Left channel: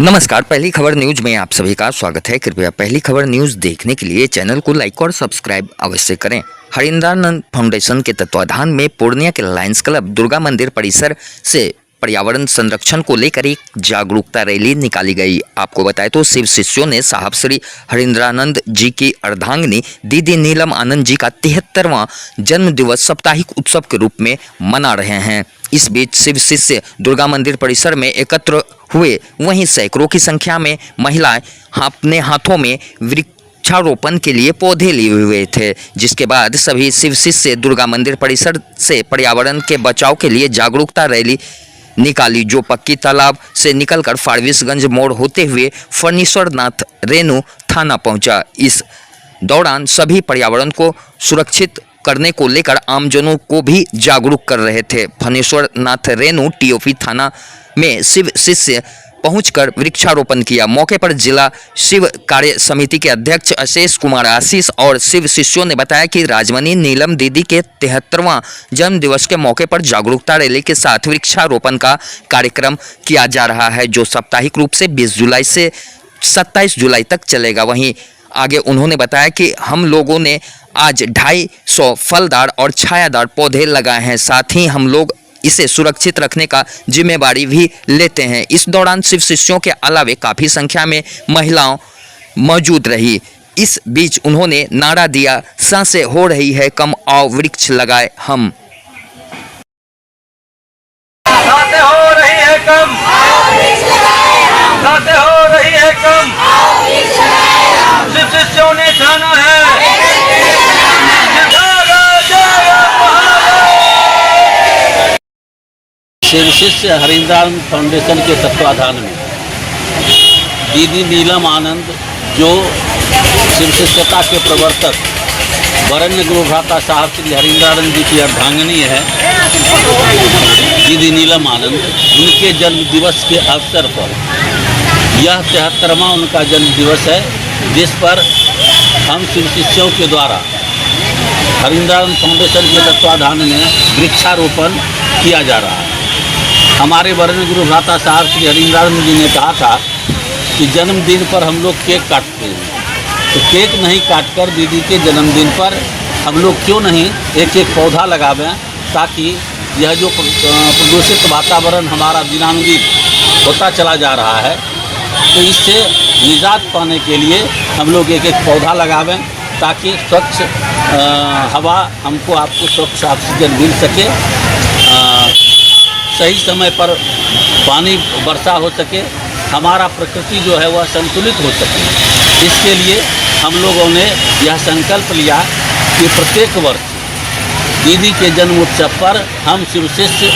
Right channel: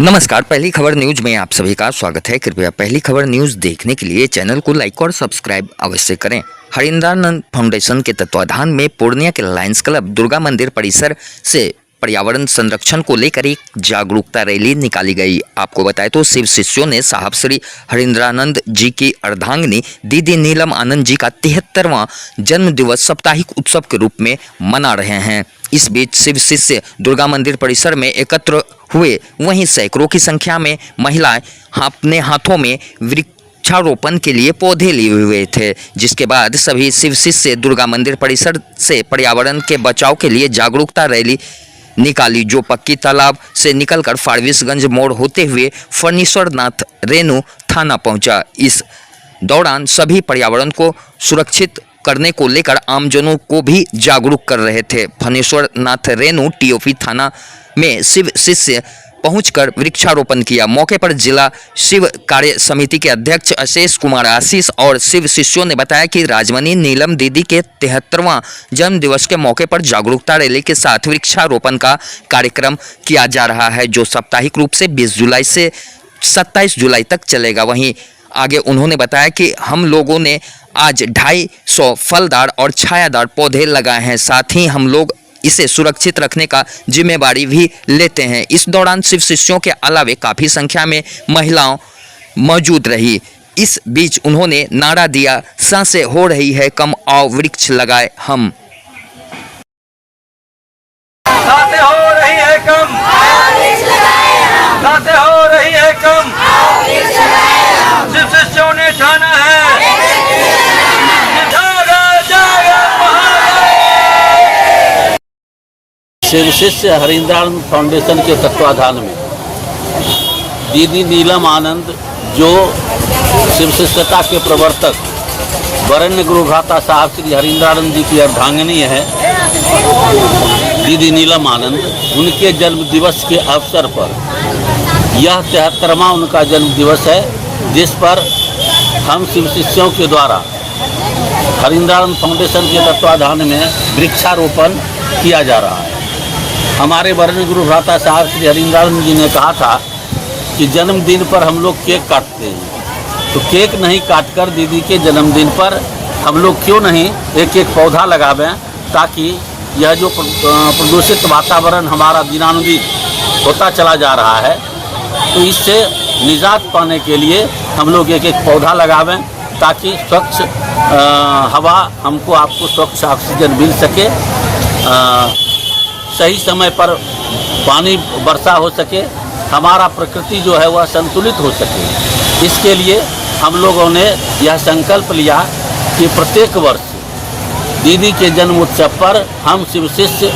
नमस्कार, पहली खबर न्यूज में आप सभी का स्वागत है। कृपया पहली खबर न्यूज देखने के लिए चैनल को लाइक और सब्सक्राइब अवश्य करें। हरिंद्रानंद फाउंडेशन के तत्वाधान में पूर्णिया के लायंस क्लब दुर्गा मंदिर परिसर से पर्यावरण संरक्षण को लेकर एक जागरूकता रैली निकाली गई। आपको बताएं तो शिव शिष्यों ने साहब श्री हरिंद्रानंद जी की अर्धांगिनी दीदी नीलम आनंद जी का 73वां जन्म दिवस साप्ताहिक उत्सव के रूप में मना रहे हैं। इस बीच शिव शिष्य दुर्गा मंदिर परिसर में एकत्र हुए, वहीं सैकड़ों की संख्या में महिलाएं अपने हाथों में वृक्षारोपण के लिए पौधे लिए हुए थे, जिसके बाद सभी शिव शिष्य दुर्गा मंदिर परिसर से पर्यावरण के बचाव के लिए जागरूकता रैली निकाली, जो पक्की तालाब से निकलकर फारबिसगंज मोड़ होते हुए फणीश्वरनाथ रेणु थाना पहुंचा। इस दौरान सभी पर्यावरण को सुरक्षित करने को लेकर आमजनों को भी जागरूक कर रहे थे। फणीश्वरनाथ रेणु टीओपी थाना में शिव शिष्य पहुंचकर वृक्षारोपण किया। मौके पर जिला शिव कार्य समिति के अध्यक्ष अशेष कुमार आशीष और शिव शिष्यों ने बताया कि राजमणि नीलम दीदी के 73वां जन्म दिवस के मौके पर जागरूकता रैली के साथ वृक्षारोपण का कार्यक्रम किया जा रहा है, जो साप्ताहिक रूप से 20 जुलाई से 27 जुलाई तक चलेगा। वहीं आगे उन्होंने बताया कि हम लोगों ने आज 250 फलदार और छायादार पौधे लगाए हैं, साथ ही हम लोग इसे सुरक्षित रखने का जिम्मेवारी भी लेते हैं। इस दौरान शिव शिष्यों के अलावे काफ़ी संख्या में महिलाओं मौजूद रही। इस बीच उन्होंने नारा दिया, सांसें हो रही है कम, आओ वृक्ष लगाए हम। सांसें हो रही है कम, सांसें हो रही है कम, शिव शिष्यों ने ठाना है। शिव शिष्य हरिंद्रानंद फाउंडेशन के तत्वाधान में दीदी नीलम आनंद, जो शिव शिष्यता के प्रवर्तक वरेण्य गुरु भ्राता साहब श्री हरिंद्रानंद जी की अर्धांगिनी है, दीदी नीलम आनंद, उनके जन्म दिवस के अवसर पर यह 73वां उनका जन्म दिवस है, जिस पर हम शिव शिष्यों के द्वारा हरिंद्रानंद फाउंडेशन के तत्वाधान में वृक्षारोपण किया जा रहा है। हमारे वरेण्य गुरु भ्राता साहब श्री हरिंद्रानंद जी ने कहा था कि जन्मदिन पर हम लोग केक काटते हैं, तो केक नहीं काटकर दीदी के जन्मदिन पर हम लोग क्यों नहीं एक एक पौधा लगावें, ताकि यह जो प्रदूषित वातावरण हमारा दिनानुदिन होता चला जा रहा है, तो इससे निजात पाने के लिए हम लोग एक एक पौधा लगावें, ताकि स्वच्छ हवा हमको आपको स्वच्छ ऑक्सीजन मिल सके, सही समय पर पानी वर्षा हो सके, हमारा प्रकृति जो है वह संतुलित हो सके। इसके लिए हम लोगों ने यह संकल्प लिया कि प्रत्येक वर्ष दीदी के जन्म उत्सव पर हम शिव शिष्य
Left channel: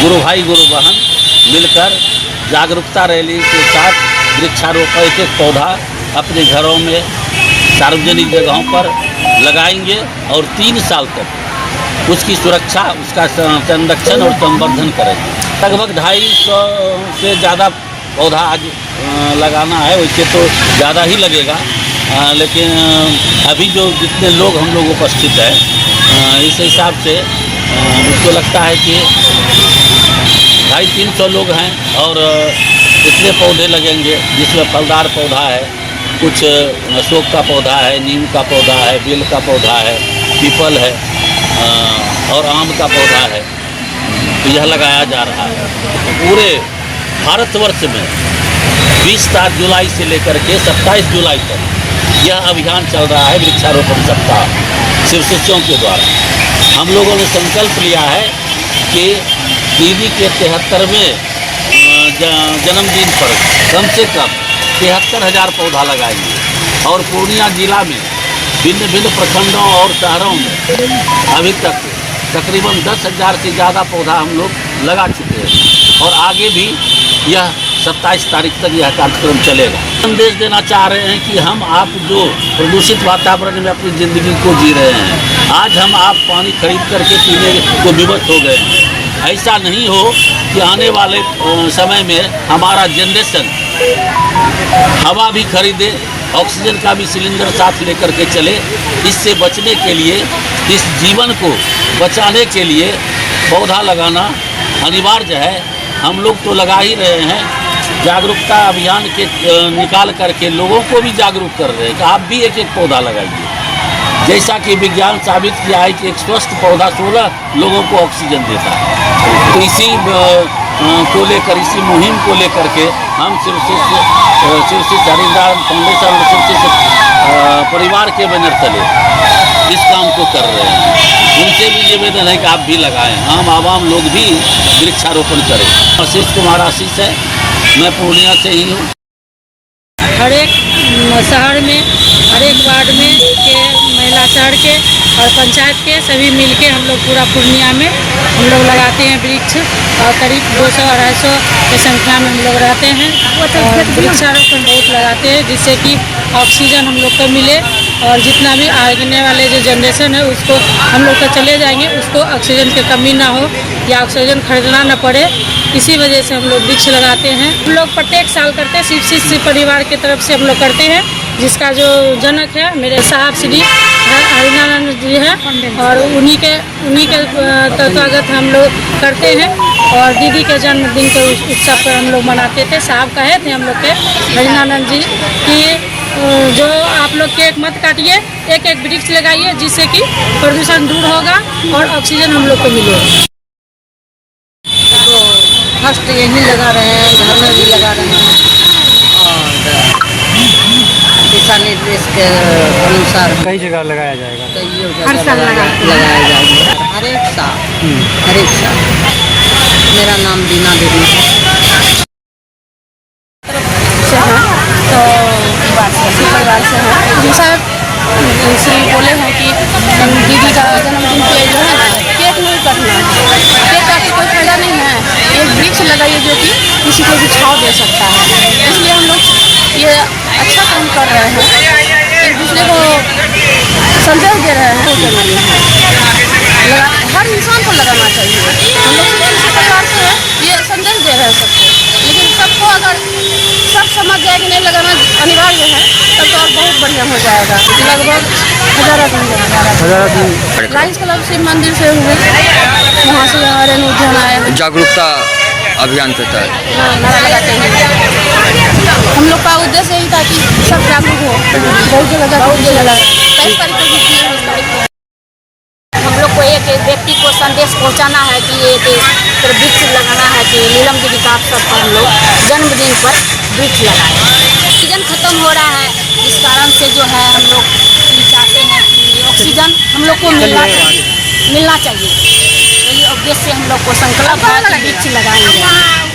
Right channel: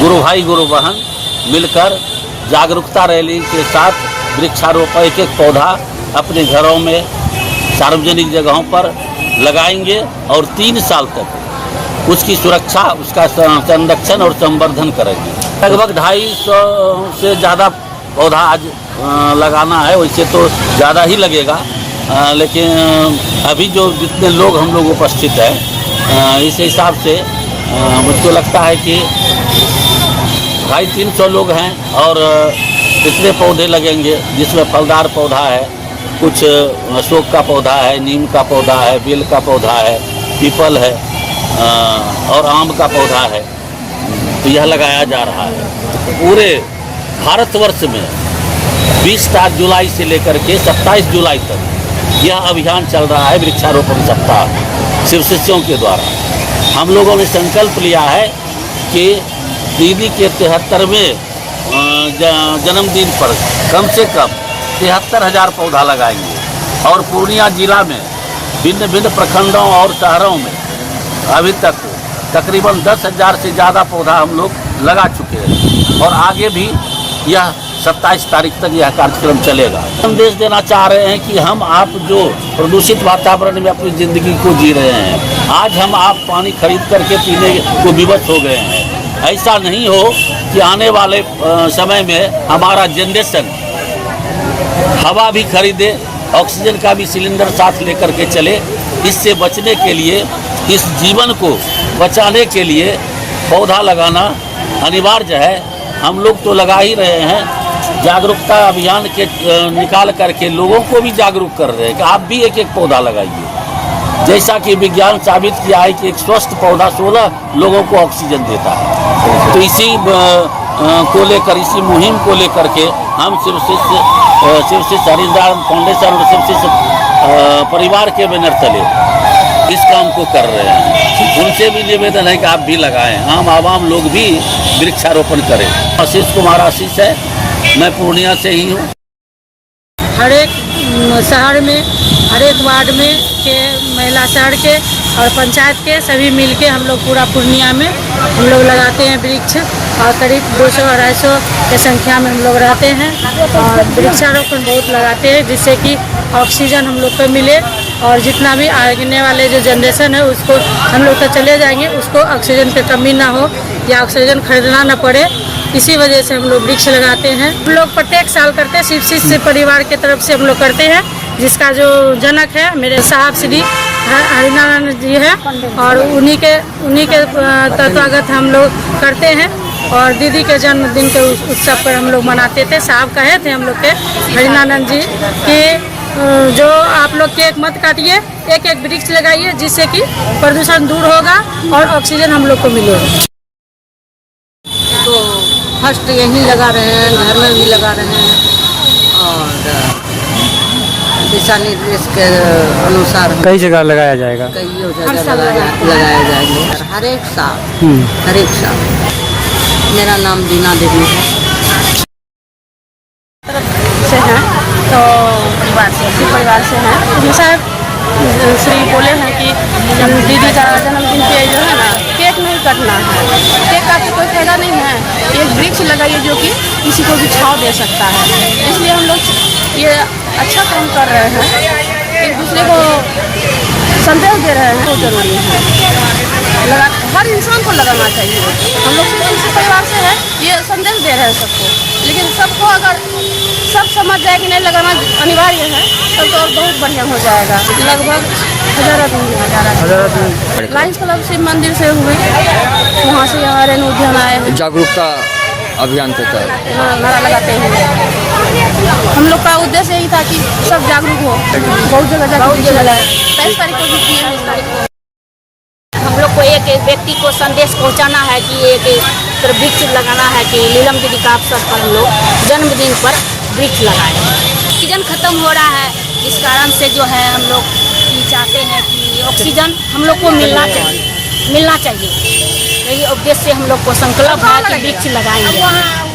गुरु भाई गुरु बहन मिलकर जागरूकता रैली के साथ वृक्षारोपण एक एक पौधा अपने घरों में सार्वजनिक जगहों पर लगाएंगे और 3 साल तक उसकी सुरक्षा, उसका संरक्षण और संवर्धन करेंगे। लगभग 250 से ज़्यादा पौधा आज लगाना है, वैसे तो ज़्यादा ही लगेगा, लेकिन अभी जो जितने लोग हम लोग उपस्थित हैं, इस हिसाब से मुझको लगता है कि 250-300 लोग हैं और इतने पौधे लगेंगे, जिसमें फलदार पौधा है, कुछ अशोक का पौधा है, नीम का पौधा है, बेल का पौधा है, पीपल है और आम का पौधा है, तो यह लगाया जा रहा है। तो पूरे भारतवर्ष में 20 जुलाई से लेकर के 27 जुलाई तक यह अभियान चल रहा है, वृक्षारोपण सप्ताह शिव शिष्यों के द्वारा। हम लोगों ने संकल्प लिया है कि दीदी के 73वें जन्मदिन पर कम से कम 73,000 पौधा लगाएंगे और पूर्णिया जिला में भिन्न भिन्न प्रखंडों और शहरों में अभी तक तकरीबन 10,000 से ज़्यादा पौधा हम लोग लगा चुके हैं और आगे भी यह 27 तारीख तक यह कार्यक्रम चलेगा। संदेश देना चाह रहे हैं कि हम आप जो प्रदूषित वातावरण में अपनी ज़िंदगी को जी रहे हैं, आज हम आप पानी खरीद करके पीने को विवश हो गए हैं। ऐसा नहीं हो कि आने वाले समय में हमारा जनरेशन हवा भी खरीदे, ऑक्सीजन का भी सिलेंडर साथ लेकर के चले। इससे बचने के लिए, इस जीवन को बचाने के लिए पौधा लगाना अनिवार्य है। हम लोग तो लगा ही रहे हैं, जागरूकता अभियान के निकाल करके लोगों को भी जागरूक कर रहे हैं कि आप भी एक एक पौधा लगाइए। जैसा कि विज्ञान साबित किया है कि एक स्वस्थ पौधा 16 लोगों को ऑक्सीजन देता है। तो इसी को लेकर, इसी मुहिम को लेकर के हम शिवश्री हरिद्वार फाउंडेशन और शिवश्री परिवार के बैनर तले इस काम को कर रहे हैं। उनसे भी निवेदन है कि आप भी लगाएं, आम लोग भी वृक्षारोपण करें। आशीष कुमार आशीष है, मैं पूर्णिया से ही हूँ। हर एक शहर में, हर एक वार्ड में के महिला शहर के और पंचायत के सभी मिलके हम लोग पूरा पूर्णिया में हम लोग लगाते हैं वृक्ष, और करीब 200-250 की संख्या में हम लोग रहते हैं और वृक्षारोपण बहुत लगाते हैं, जिससे कि ऑक्सीजन हम लोग को मिले और जितना भी आने वाले जो जनरेशन है उसको हम लोग तो चले जाएंगे, उसको ऑक्सीजन की कमी ना हो या ऑक्सीजन खरीदना ना पड़े। इसी वजह से हम लोग वृक्ष लगाते हैं। हम लोग प्रत्येक साल करते हैं, शिवश्री परिवार की तरफ से हम लोग करते हैं, जिसका जो जनक है मेरे साहब श्री हरिनारायण जी है और उन्हीं के तत्वागत हम लोग करते हैं। और दीदी के जन्मदिन के उत्सव पर हम लोग मनाते थे। साहब कहे थे हम लोग के हरिनारायण जी कि जो आप लोग केक मत काटिए, एक एक वृक्ष लगाइए, जिससे कि प्रदूषण दूर होगा और ऑक्सीजन हम लोग को मिलेगा। तो फर्स्ट यहीं लगा रहे हैं, घर में भी लगा रहे हैं और दिशा निर्देश के अनुसार कई जगह लगाया जाएगा। हर साल लगाया जाएगा, हर एक साल। मेरा नाम दीना देवी है। तो परिवार से है। सर श्री बोले हैं कि दीदी का जन्मदिन पे केक नहीं कटना है, केक काटने कोई फायदा नहीं है, एक वृक्ष लगाइए जो कि किसी को भी छाँव दे सकता है। इसलिए हम लोग ये अच्छा काम कर रहे हैं, एक दूसरे को संदेश दे रहे हैं। हर इंसान को लगाना चाहिए। हम लोग परिवार से है, ये संदेश दे रहे हैं सबको, लेकिन सबको अगर सब समझ जाए कि नहीं लगाना अनिवार्य है तब तो और बहुत बढ़िया हो जाएगा। लगभग 1000 दिन लाइन्स क्लब शिव मंदिर से हुए, वहाँ से उद्यान आए। जागरूकता अभियान के तहत हम लोग का उद्देश्य यही था कि सब जागरूक हो, बहुत जगह जागरूक लगा। 23 तारीख को हम लोग को एक एक व्यक्ति को संदेश पहुंचाना है कि वृक्ष लगाना है, कि नीलम देवी का सब हम लोग जन्मदिन पर वृक्ष लगाएं। ऑक्सीजन खत्म हो रहा है, इस कारण से जो है हम लोग चाहते हैं कि ऑक्सीजन हम लोग को मिलना चाहिए। यही उद्देश्य से हम लोग को संकल्प है कि वृक्ष लगाएंगे।